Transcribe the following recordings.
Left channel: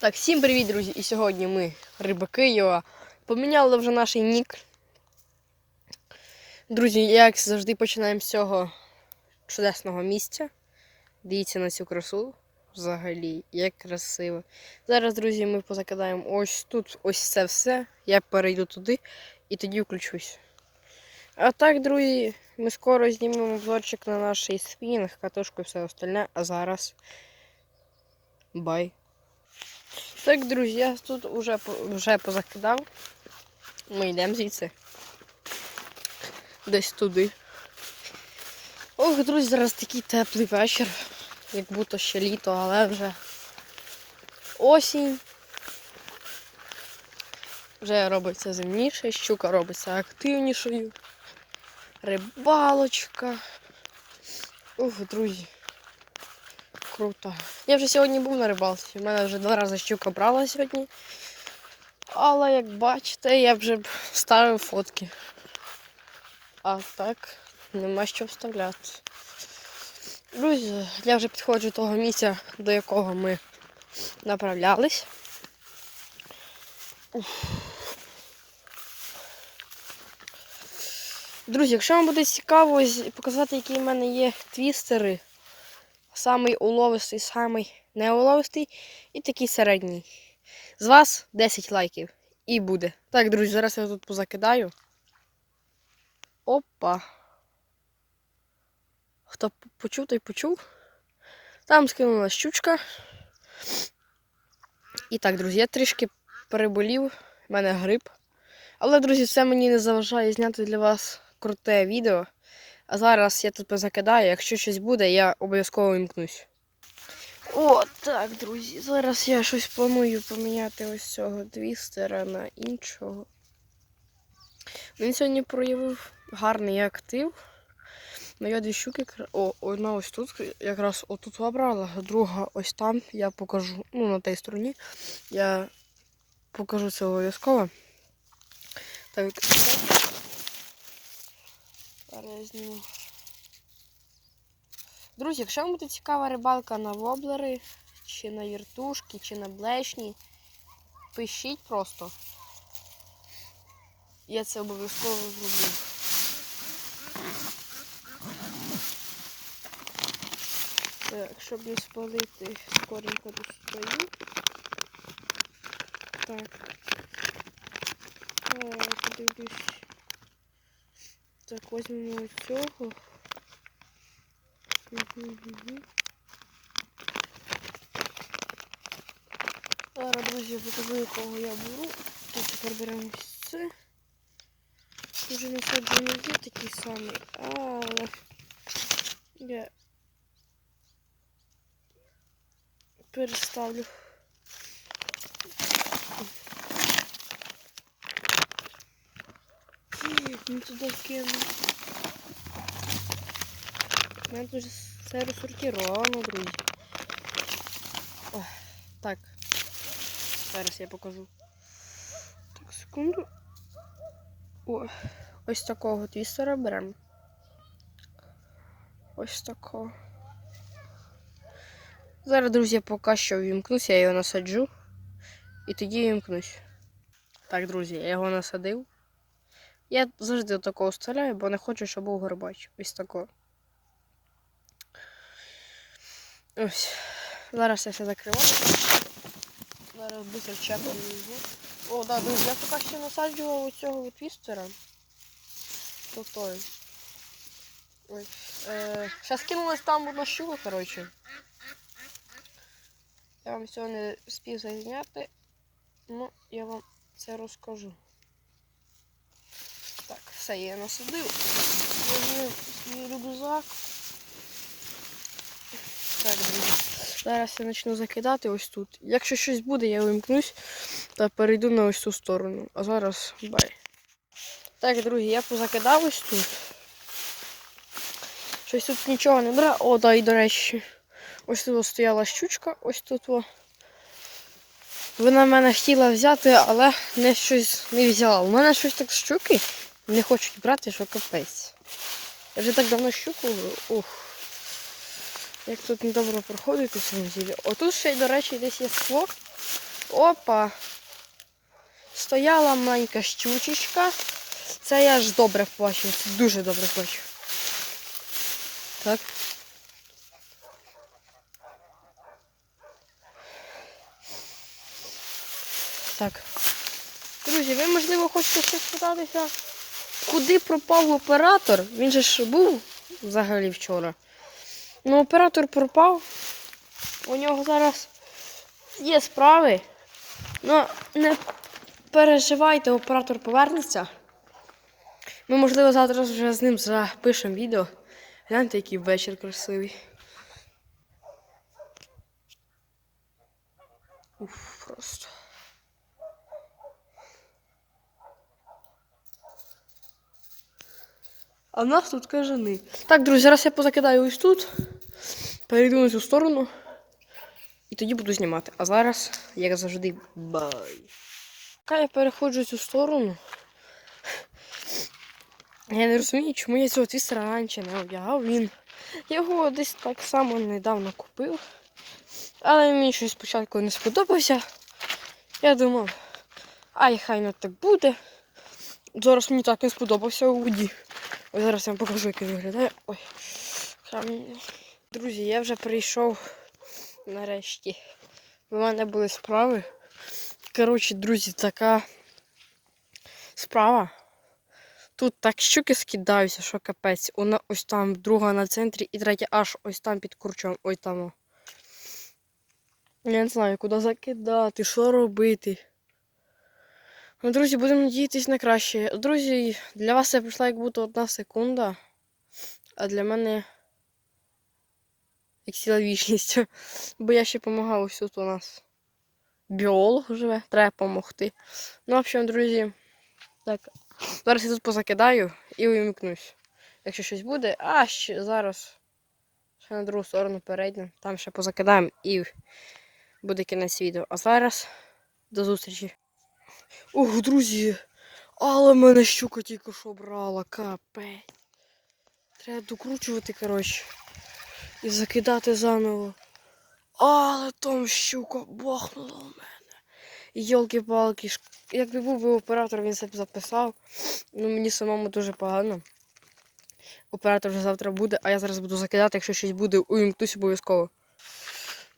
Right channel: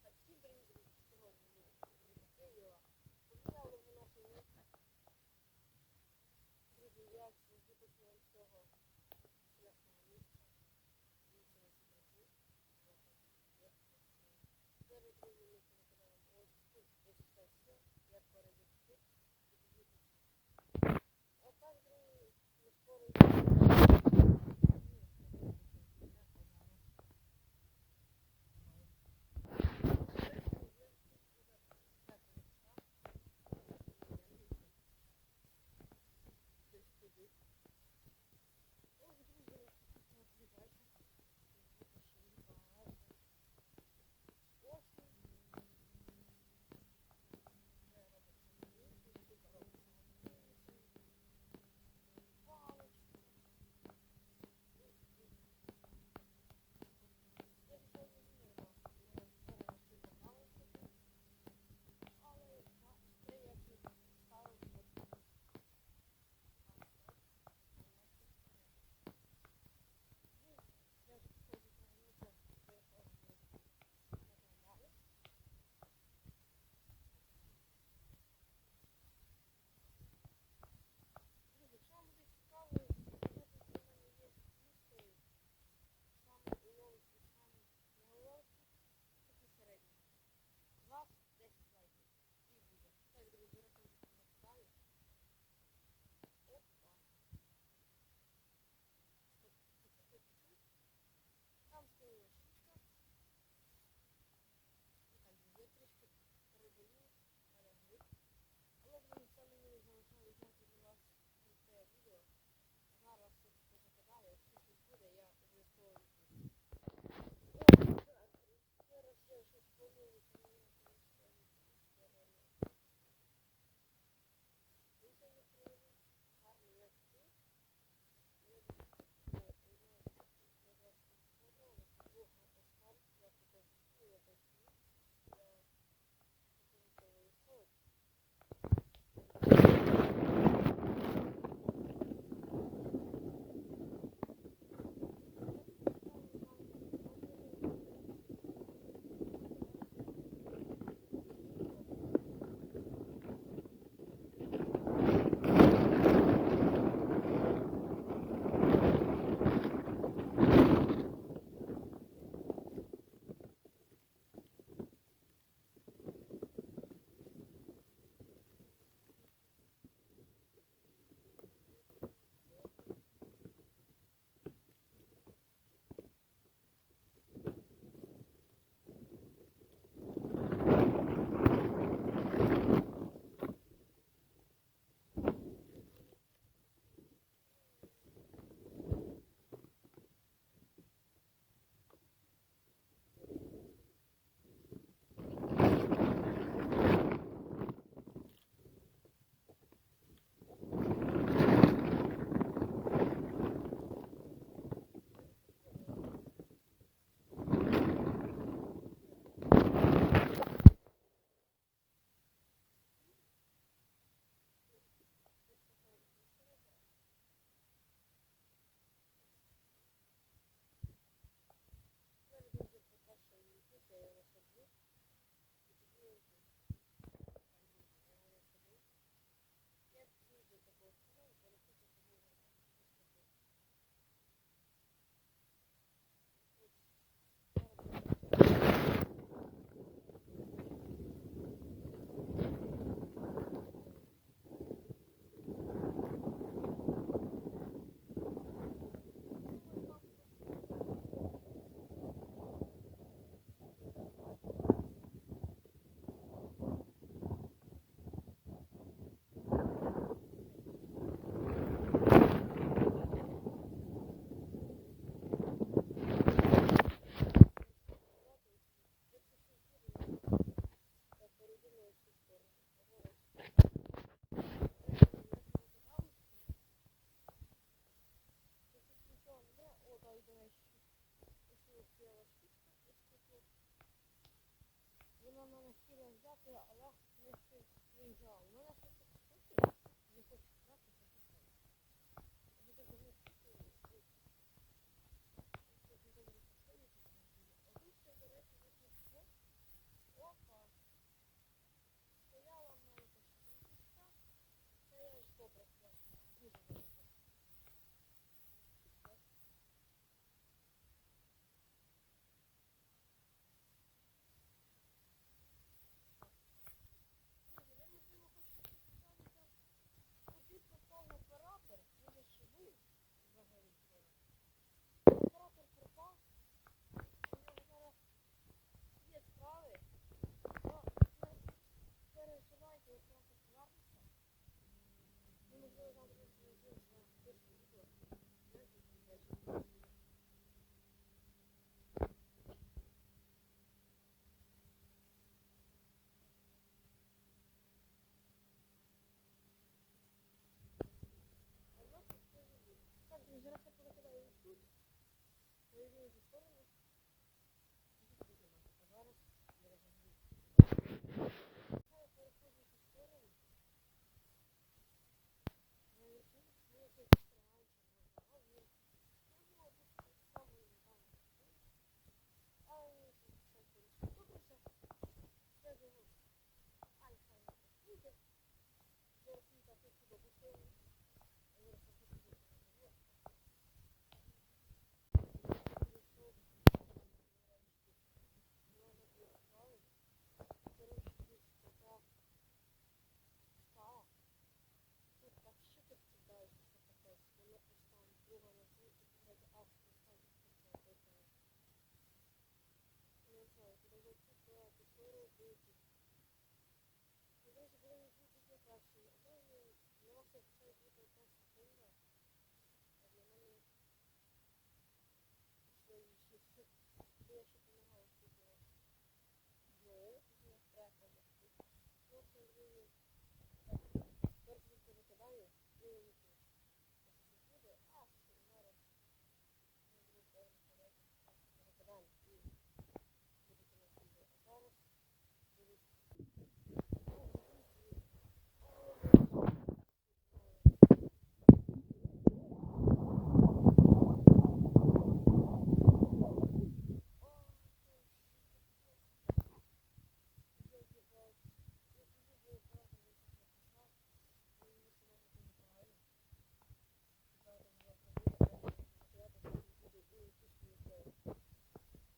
Так, всім привіт, друзі! І сьогодні ми, рибаки Йоа, поміняли вже наш нік. Друзі, як завжди починаємо з цього чудесного місця. Дивіться на цю красу. Взагалі, як красиво. Зараз, друзі, ми позакидаємо ось тут, ось це все. Я перейду туди і тоді включусь. А так, друзі, ми скоро знімемо обзорчик на наш спінінг, катушку і все остальне. А зараз. Бай. Так, друзі, я тут вже, вже позакидав. Ми йдемо звідси. Десь туди. Ох, друзі, зараз такий теплий вечір. Як будто ще літо, але вже осінь. Вже робиться зимніше, щука робиться активнішою. Рибалочка. Ух, друзі. Круто. Я вже сьогодні був на рибалці. У мене вже два рази щука брала сьогодні. Але як бачите, я вже ставив фотки. А так, нема що вставляти. Друзі, я вже підходжу до того місця, до якого ми направлялись. Друзі, якщо вам буде цікаво показати, які в мене є твістери, самий уловистий, самий неуловистий і такий середній. З вас 10 лайків. І буде. Так, друзі, зараз я тут позакидаю. Опа. Хто почув, той почув. Там скинула щучка. І так, друзі, я трішки переболів. У мене грип. Але, друзі, це мені не заважає зняти для вас круте відео. А зараз я тут позакидаю. Якщо щось буде, я обов'язково вімкнусь. О, так, друзі. Зараз я щось планую поміняти ось цього твістера на іншого. Він сьогодні проявив гарний актив. Ну, я дві щуки. О, одна ось тут, якраз отут вибрала, друга ось там. Я покажу, ну, на тій стороні. Я покажу це обов'язково. Так. Зараз я зніму. Друзі, якщо вам буде цікава рибалка на воблери, чи на віртушки, чи на блешні, пишіть просто. Я це обов'язково. Так, щоб не спалити, скоренько тут. Так. Так, подивлюсь. Так, возьмемо цього. Зараз, друзі, яку. Наберемо ось це. Може насаджений є такий самий, але я переставлю. Ну туди кину. Мене тут все розсортировано, друзі. Ой, Так. Зараз я покажу. Так, секунду. О, ось такого твістера беремо. Ось такого. Зараз, друзі, поки що вімкнусь, я його насаджу. І тоді вімкнусь. Так, друзі, я його насадив. Я завжди такого стріляю, бо не хочу, щоб був горбач. Ось такого. Ось. Зараз я все закриваю. Зараз быстро чекаю. О, да, друзі, я поки що насаджував у цього твістера. Крутой. Ой. Е, Зараз кинулась там одна щука, коротше. Я вам цього не встиг зазняти. Ну, я вам це розкажу. Так, все, я насадив. Рюкзак. Так, зараз я почну закидати ось тут. Якщо щось буде, я вимкнусь та перейду на ось цю сторону. А зараз бай. Так, друзі, я позакидав ось тут. Щось тут нічого не бере. О, да, і до речі. Ось тут стояла щучка, ось тут. О. Вона мене хотіла взяти, але не щось не взяла. У мене щось так щуки не хочуть брати, що капець. Я вже так давно щуку. Ух. Як тут недобре проходить у цьому зілі. Отут ще й, до речі, десь є скло. Опа. Стояла маленька щучечка. Це я ж добре це дуже добре бачив. Так. Так. Друзі, ви, можливо, хочете ще спитатися, куди пропав оператор? Він же ж був взагалі вчора. Ну, оператор пропав. У нього зараз є справи. Ну, не переживайте, оператор повернеться. Ми, можливо, завтра вже з ним запишемо відео. Гляньте, який вечір красивий. Уф, просто. А в нас тут кажани. Так, друзі, зараз я позакидаю ось тут. Перейду на цю сторону. І тоді буду знімати. А зараз, як завжди, бай. Поки я переходжу цю сторону. Я не розумію, чому я цього твістера раніше не одягав. Він його десь так само недавно купив. Але мені щось спочатку не сподобався. Я думав, ай, хай не так буде. Зараз мені так не сподобався у воді. Зараз я вам покажу, як він виглядає. Ой. Друзі, я вже прийшов нарешті. У мене були справи. Коротше, друзі, така справа. Тут так щуки скидаються, що капець. Одна ось там, друга на центрі і третя аж ось там під курчом. Ой там. Я не знаю, куди закидати, що робити. Ну, друзі, будемо надіятися на краще. Друзі, для вас це пройшла як будто одна секунда, а для мене як ціла вічність. Бо я ще допомагав ось тут у нас. Біолог живе, треба допомогти. Ну, в общем, друзі, так. Зараз я тут позакидаю і увімкнусь. Якщо щось буде, а ще зараз ще на другу сторону перейдемо, там ще позакидаємо і буде кінець відео. А зараз до зустрічі. Ох, друзі, але мене щука тільки що брала, капець. Треба докручувати, коротше. І закидати заново. Але там щука бахнула у мене. Йолки-палки, якби був би оператор, він це б записав. Ну мені самому дуже погано. Оператор вже завтра буде, а я зараз буду закидати, якщо щось буде, увімкнусь обов'язково.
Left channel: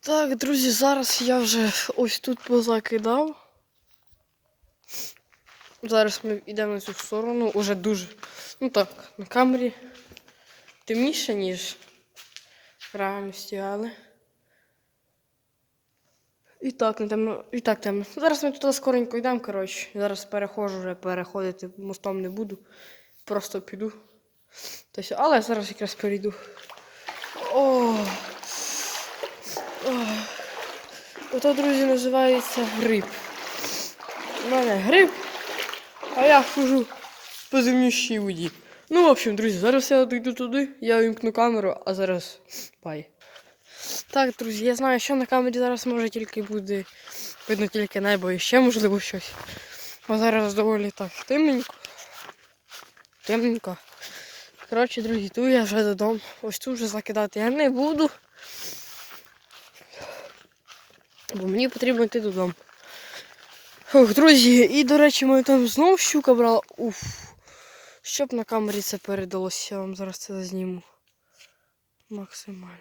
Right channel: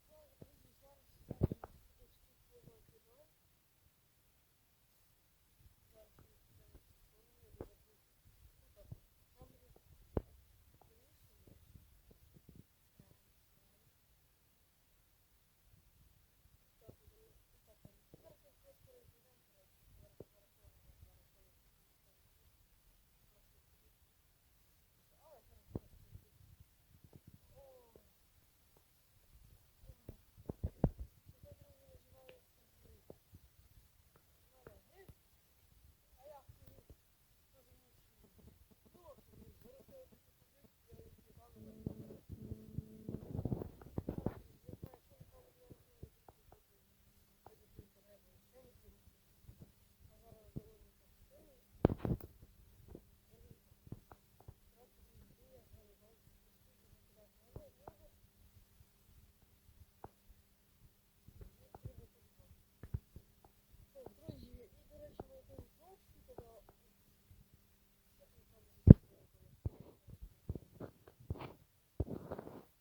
Так, друзі, зараз я вже ось тут позакидав. Зараз ми йдемо на цю сторону, уже дуже. Ну так, на камері темніше, ніж в реальності, але. І так, темно, і так темно. Зараз ми туди скоренько йдемо, коротше. Зараз перехожу вже, переходити мостом не буду. Просто піду. Все. Але зараз якраз перейду. О! О! Ото, друзі, називається гриб. У мене гриб, а я хожу по земнющій воді. Ну, в общем, друзі, зараз я дійду туди, я вимкну камеру, а зараз бай. Так, друзі, я знаю, що на камері зараз може тільки буде видно тільки небо і ще можливо щось. Бо зараз доволі так темненько. Темненько. Коротше, друзі, йду я вже додому. Ось тут вже закидати я не буду. Бо мені потрібно йти додому. Ох, друзі, і до речі, ми там знову щука брала. Уф. Щоб на камері це передалося, я вам зараз це зніму. Максимально.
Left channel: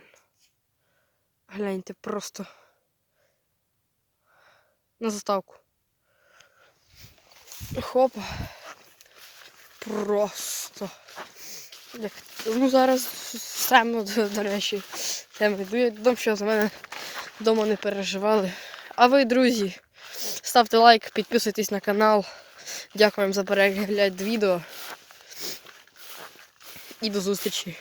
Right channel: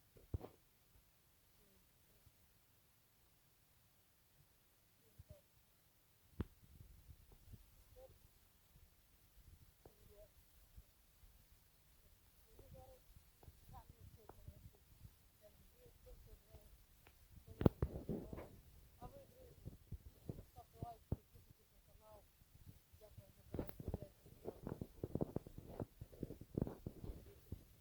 Гляньте просто. На заставку. Хопа. Просто. Як... Ну зараз темно, до, речі. Темно. Йду я додому, що за мене вдома не переживали. А ви, друзі, ставте лайк, підписуйтесь на канал. Дякую за перегляд відео. І до зустрічі.